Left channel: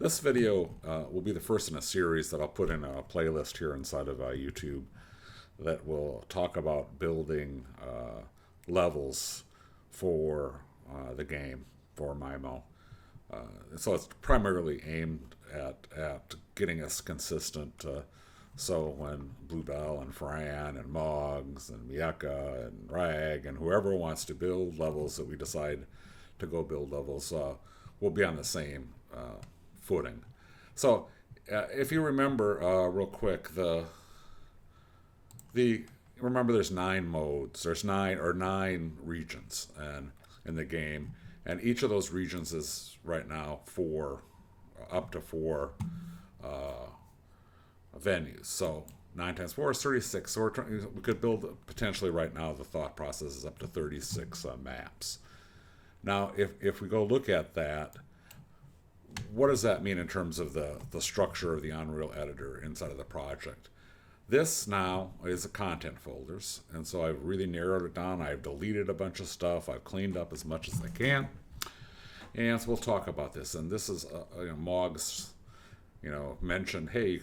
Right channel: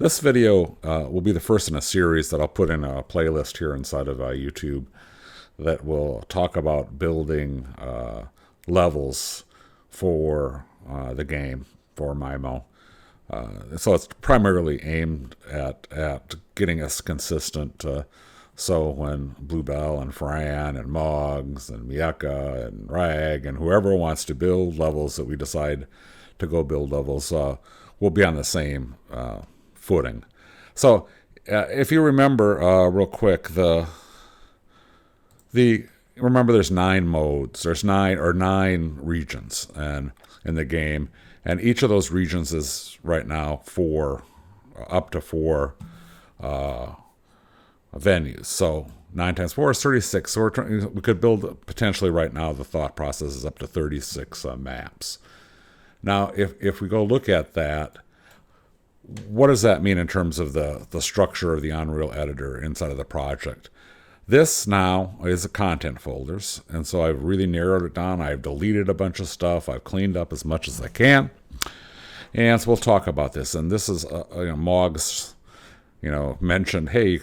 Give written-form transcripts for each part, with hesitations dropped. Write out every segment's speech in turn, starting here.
This video will be the first in a series that I'll put in a playlist here inside of YouTube that will talk about building levels for the game for myMO. So it's primarily aimed at getting us consistent. So when Bluebell and Fran and Moggs and Mieka and Rag and whoever wants to build levels that we decide to go build levels, we'll be on the same footing. So if you remember real quick, the remember there's 9 modes. There's nine regions and in the game, and each of those regions is right now up to four venues. So 9 times 4 is 36. So we could build potentially right now. The thought process is up to 36 maps. Now, if we go look at that, what does that mean in terms of the structure of the Unreal Editor inside of the project? This now is the content folders, and so I've really narrowed it down. I've deleted a bunch of stuff. I've cleaned up as much as I can, and so we'll talk about this. And this is Moggs, mentioned, hey,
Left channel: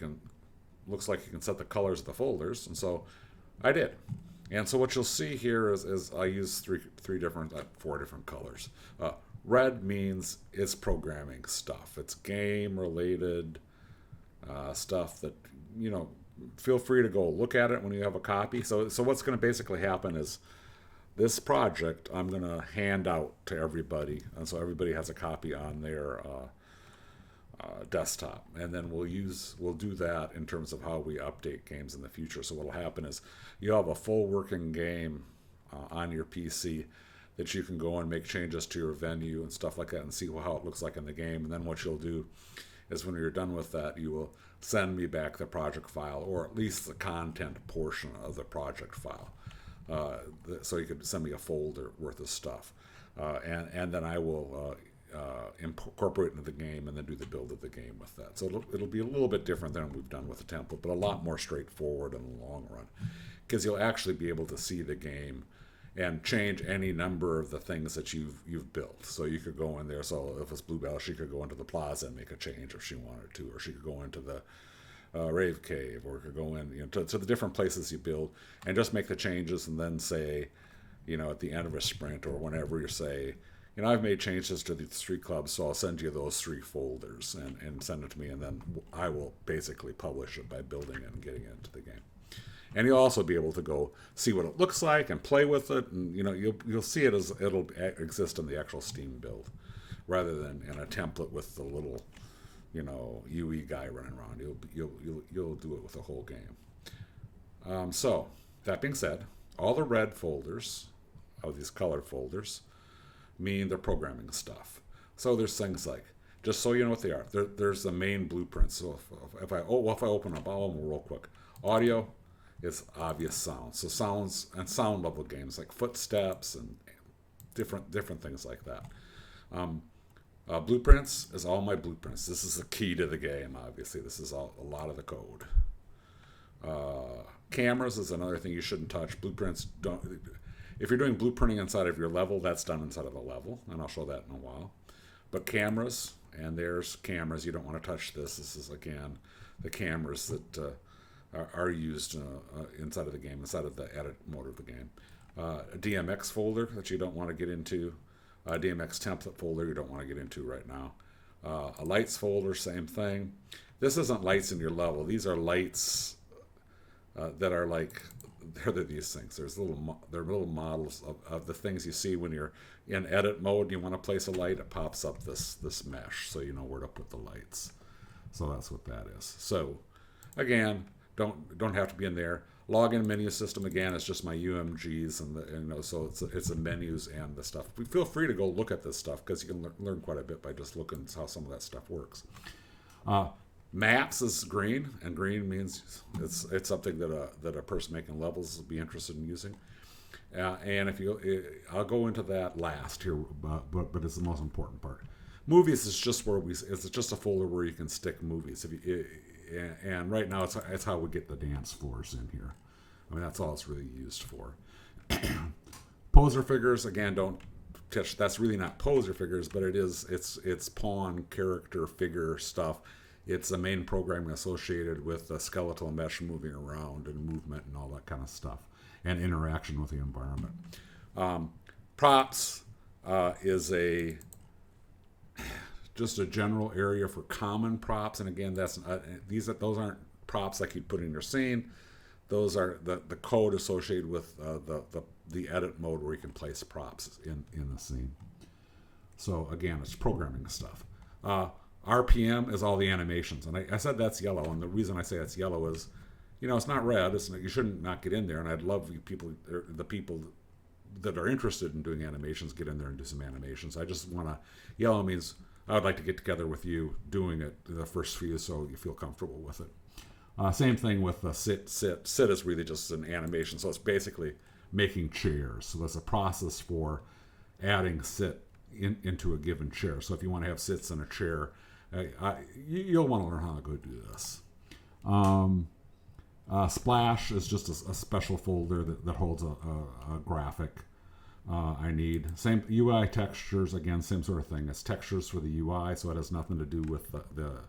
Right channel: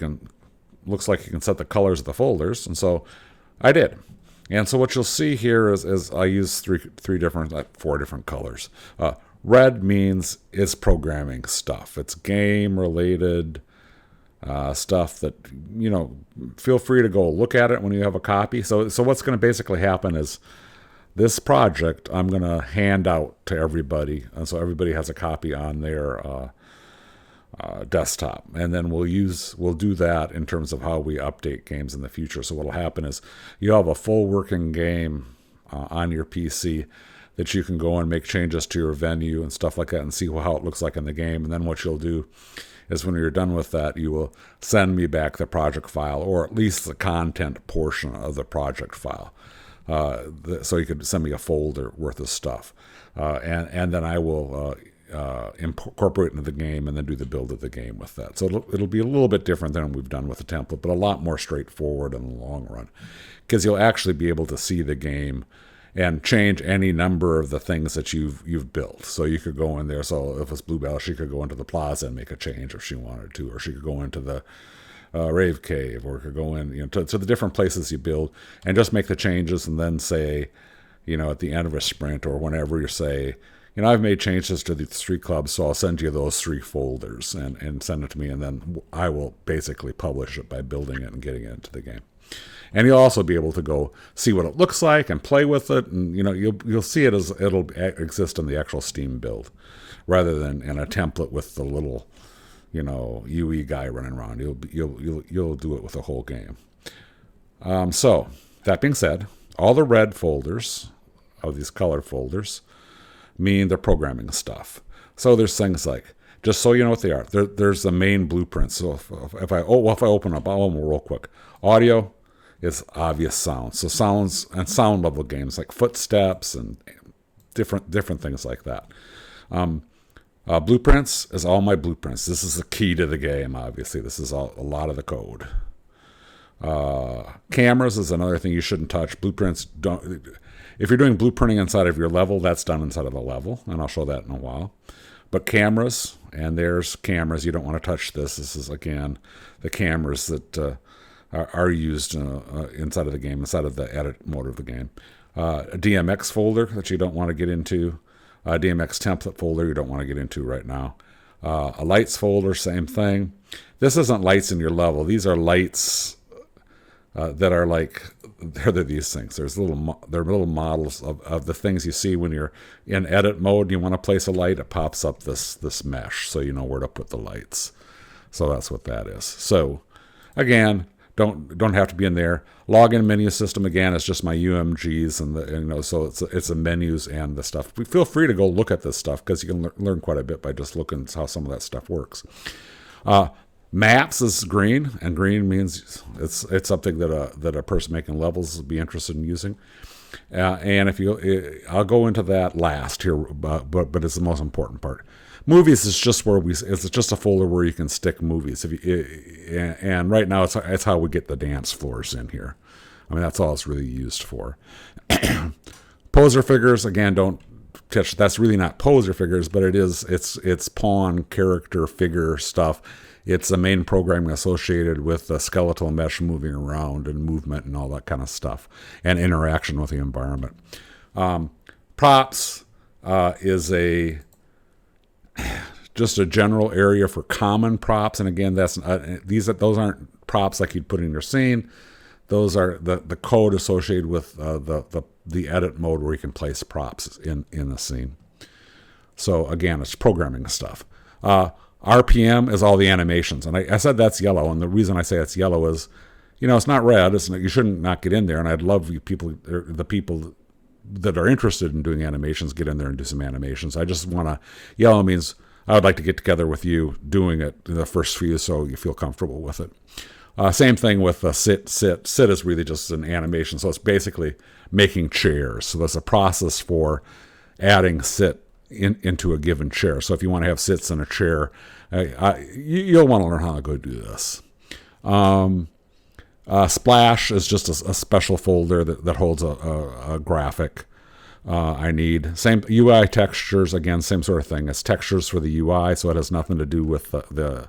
looks like you can set the colors of the folders, and so I did. And so what you'll see here is I use four different colors. Red means it's programming stuff. It's game-related stuff that, feel free to go look at it when you have a copy. So what's going to basically happen is this project I'm going to hand out to everybody. And so everybody has a copy on their desktop. And then we'll do that in terms of how we update games in the future. So what'll happen is you have a full working game on your PC that you can go and make changes to your venue and stuff like that and see how it looks like in the game. And then what you'll do is when you're done with that, you will send me back the project file, or at least the content portion of the project file. So you could send me a folder worth of stuff. And then I will incorporate it into the game and then do the build of the game with that. So it'll be a little bit different than we've done with the template, but a lot more straightforward in the long run, because you'll actually be able to see the game and change any number of the things that you've built. So you could go in there. So if it's Bluebell, she could go into the plaza and make a change if she wanted to, or she could go into the rave cave, or could go in to the different places you build and just make the changes, and then say, at the end of a sprint or whenever you say, I've made changes to these 3 clubs, so I'll send you those 3 folders and send it to me, and then I will basically publish it by building it and getting it into the game. And you'll also be able to go see what it looks like and play with it, and you'll see it as it'll exist in the actual Steam build, rather than in a template with the little, UE guy running around. You'll do it with the whole game. So that being said, all the red folders of these color folders mean they're programming stuff. So there's things like, just so you know what they are, there's the main blueprints. So if I open up, I'll real quick. Audio is obvious sounds. So sounds and sound level games like footsteps and different things like that. Blueprints is all my blueprints. This is the key to the game, obviously. This is a lot of the code. Cameras is another thing you shouldn't touch. Blueprints don't. If you're doing blueprinting inside of your level, that's done inside of a level, and I'll show that in a while. But cameras, and there's cameras. You don't want to touch this. This is, again, the cameras that are used inside of the game, inside of the edit mode of the game. A DMX folder that you don't want to get into. A DMX template folder you don't want to get into right now. A lights folder, same thing. This isn't lights in your level. These are lights that are like, they're these things. They're little models of the things you see when you're in edit mode and you want to place a light. It pops up this mesh, so you know where to put the lights. So that's what that is. So again, don't have to be in there. Login menu system, again, is just my UMGs and so it's the menus and the stuff. Feel free to go look at this stuff, because you can learn quite a bit by just looking at how some of that stuff works. Maps is green, and green means it's something that a person making levels will be interested in using. And I'll go into that last here, but it's the most important part. Movies is just it's just a folder where you can stick movies. And right now it's how we get the dance floors in here. I mean, that's all it's really used for. Poser figures, again, don't that's really not poser figures, but it's pawn character figure stuff. It's the main programming associated with the skeletal mesh moving around and movement and all that kind of stuff, and interaction with the environment. Props is just a general area for common props, and again, those aren't props like you'd put in your scene. Those are the code associated with the edit mode where you can place props in a scene. So again, it's programming stuff. RPM is all the animations, and I said that's yellow, and the reason I say it's yellow is, it's not red. You shouldn't not get in there, and I'd love the people that are interested in doing animations get in there and do some animations. I just want to, yellow means I would like to get together with you doing it in the first few so you feel comfortable with it. Same thing with sit. Sit is really just an animation, so it's basically making chairs. So there's a process for adding sit into a given chair. So if you want to have sits in a chair, you'll want to learn how to go do this. Splash is just a special folder that holds a graphic I need. Same UI textures, again, same sort of thing. It's textures for the UI, so it has nothing to do with the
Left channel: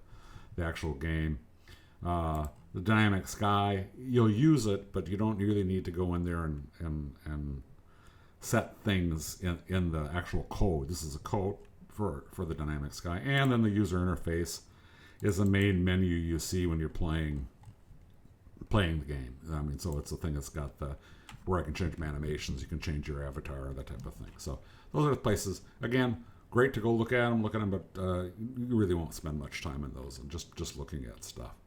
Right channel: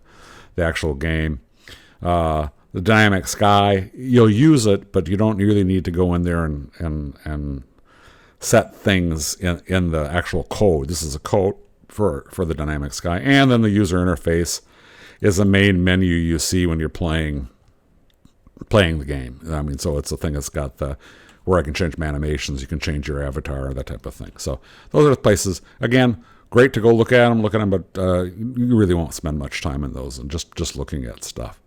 actual game. The dynamic sky, you'll use it, but you don't really need to go in there and set things in the actual code. This is a code for the dynamic sky. And then the user interface is the main menu you see when you're playing the game. I mean, so it's a thing that's got where I can change my animations, you can change your avatar, that type of thing. So those are the places. Again, great to go look at them, but you really won't spend much time in those and just looking at stuff.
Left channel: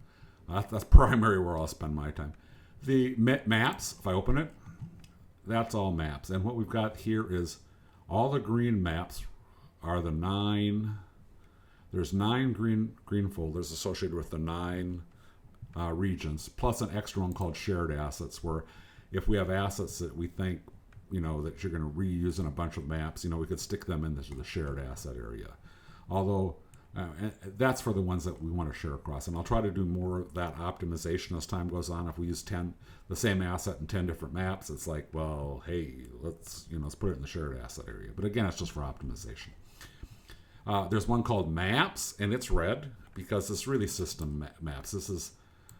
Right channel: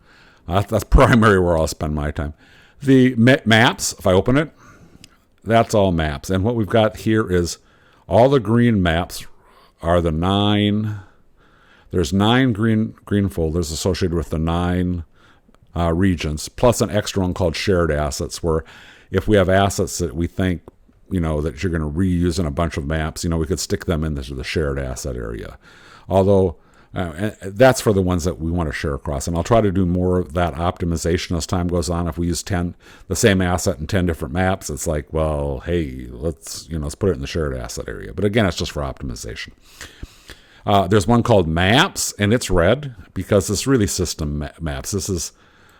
That's primary where I'll spend my time. The maps, if I open it, that's all maps. And what we've got here is all the green maps are the 9. There's 9 green folders associated with the 9 regions, plus an extra one called shared assets, where if we have assets that we think, that you're going to reuse in a bunch of maps, we could stick them into the shared asset area. Although that's for the ones that we want to share across. And I'll try to do more of that optimization as time goes on. If we use the same asset in 10 different maps, it's like, well, hey, let's put it in the shared asset area. But again, it's just for optimization. There's one called maps, and it's red because it's really system maps. This is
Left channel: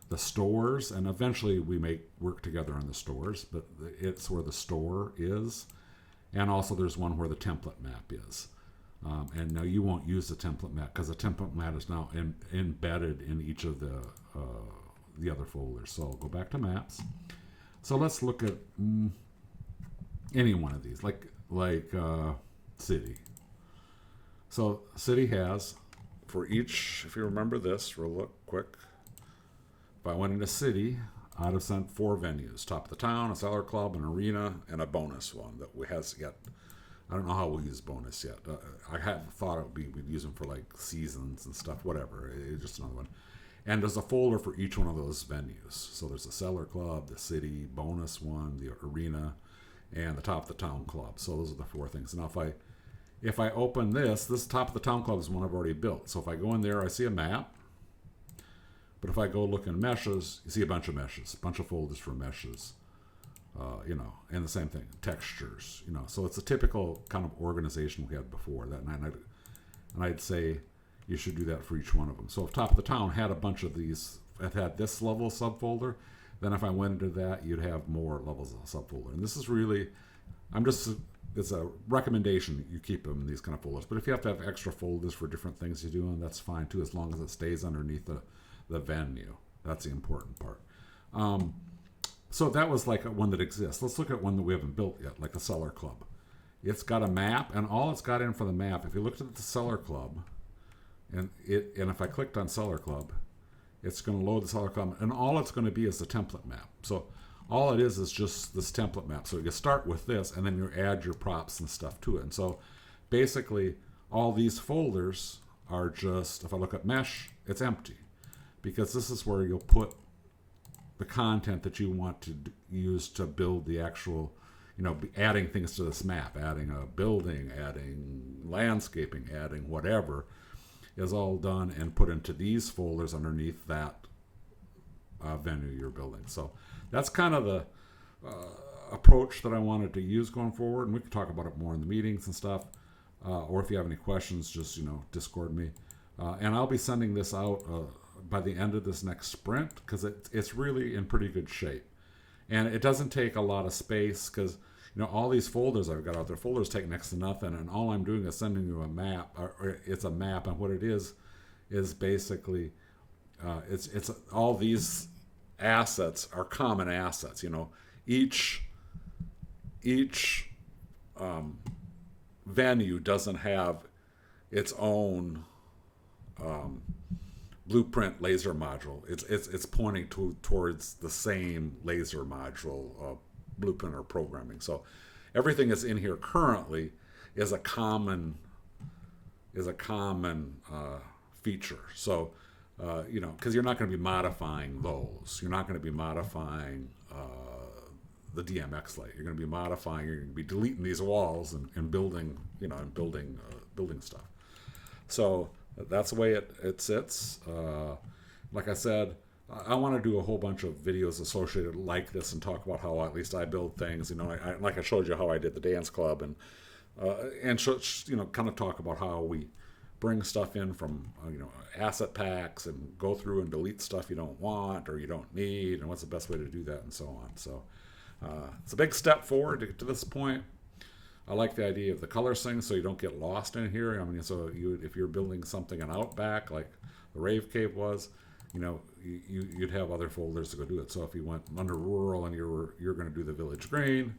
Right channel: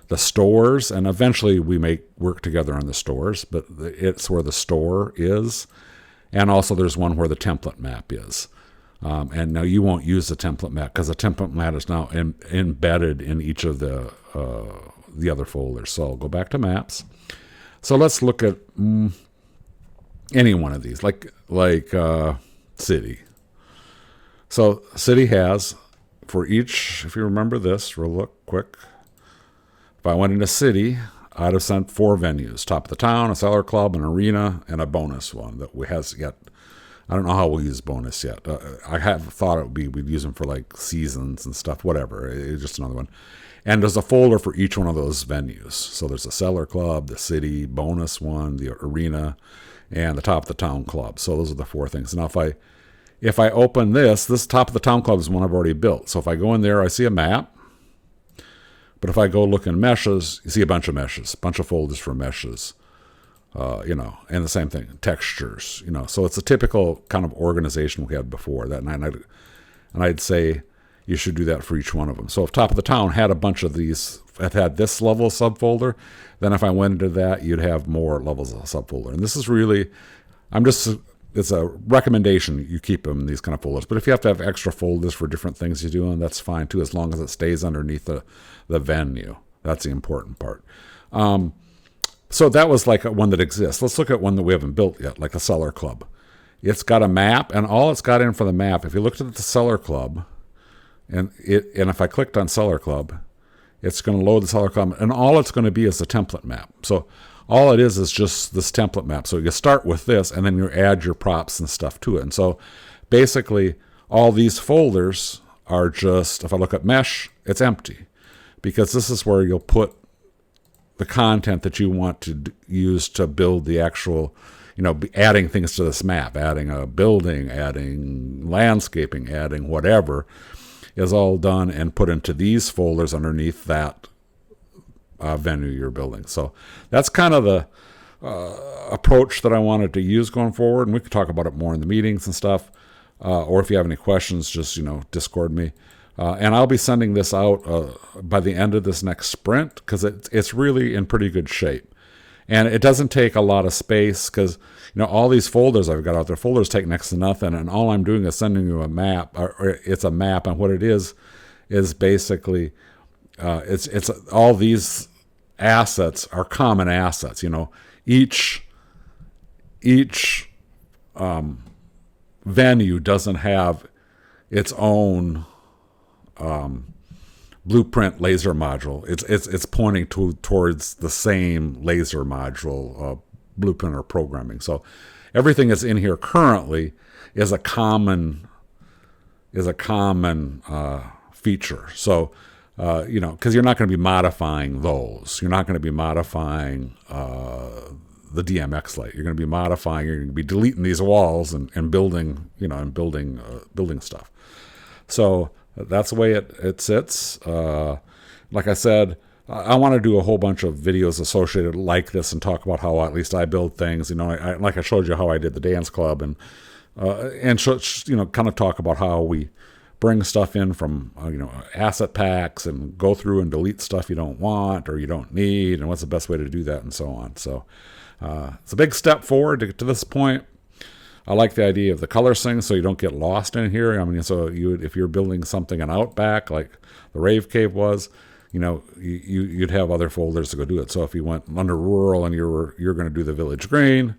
the stores, and eventually we may work together on the stores, but it's where the store is. And also there's one where the template map is. And now you won't use the template map because the template map is now embedded in each of the other folders. So I'll go back to maps. So let's look at any one of these, like city. So city has, for each, if you remember this, real look quick. If I went into city, I'd have sent 4 venues: top of the town, a cellar club, an arena, and a bonus one that has yet. I don't know how we'll use bonus yet. I have thought we'd use them for like seasons and stuff, whatever. It's just another one. And there's a folder for each one of those venues. So there's a cellar club, the city, bonus one, the arena, and the top of the town club. So those are the 4 things. Now if I open this top of the town club is one I've already built. So if I go in there, I see a map. But if I go look in meshes, you see a bunch of meshes, a bunch of folders for meshes. And the same thing, textures, so it's a typical kind of organization we had before that. And I'd say you should do that for each one of them. So if top of the town had a bunch of these, had this level of subfolder, then if I went into that, you'd have more levels of subfolder. And this is really, it's a recommendation you keep them in these kind of folders. But if you have to have extra folders for different things you're doing, that's fine too, as long as it stays underneath the venue. That's the important part. So that was like one that exists. Let's look at one that we haven't built yet, like the Cellar Club. It's got a map, and all it's got in for the map, if you looked at the Cellar Club, and if I clicked on Cellar Club, it's going to load the Cellar Club, and all it's going to be is the template map. So all it is just this template map. So you start with this, and then you add your props and stuff to it. And so basically, all these folders are just, if I look at Mesh, it's empty, because this is where you'll put the content that you want to use to build the actual, adding things to this map, adding a building, adding landscaping, adding whatever, is all done and put into these folders underneath that venue you're building. So that's kind of approach that I wanted to use going forward, and we could talk about it more in the meetings and stuff. Or if you have any questions, just Discord me. And I'll be sending this out by the end of this next sprint because it's really in pretty good shape. And it doesn't take a lot of space because, all these folders I've got out there, folders take next to nothing. And all I'm doing is sending you a map, or it's a map. And what it is basically, it's all these assets are common assets. Each venue doesn't have its own blueprint laser module. It's pointing towards the same laser module blueprint or programming. So everything that's in here currently is a common feature. So because you're not going to be modifying those. You're not going to be modifying the DMX light. You're going to be modifying. You're going to be deleting these walls and building building stuff. So that's the way it sits. Like I said, I want to do a whole bunch of videos associated like this and talk about how at least I build things. Like I showed you how I did the dance club and kind of talk about how we bring stuff in from asset packs and go through and delete stuff you don't want or you don't need, and what's the best way to do that and so on. So it's a big step forward to get to this point. I like the idea of the color sync so you don't get lost in here. If you're building something in Outback like the Rave Cave was, you'd have other folders to go do it. So if you went under rural and you're going to do the village green,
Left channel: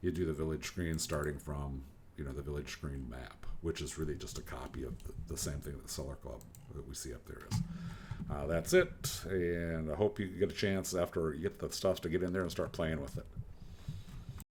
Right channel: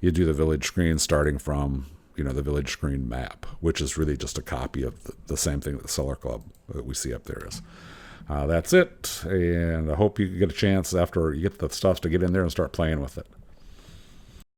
you do the village green starting from the village green map, which is really just a copy of the same thing that the Cellar Club that we see up there is. That's it, and I hope you get a chance after you get the stuff to get in there and start playing with it.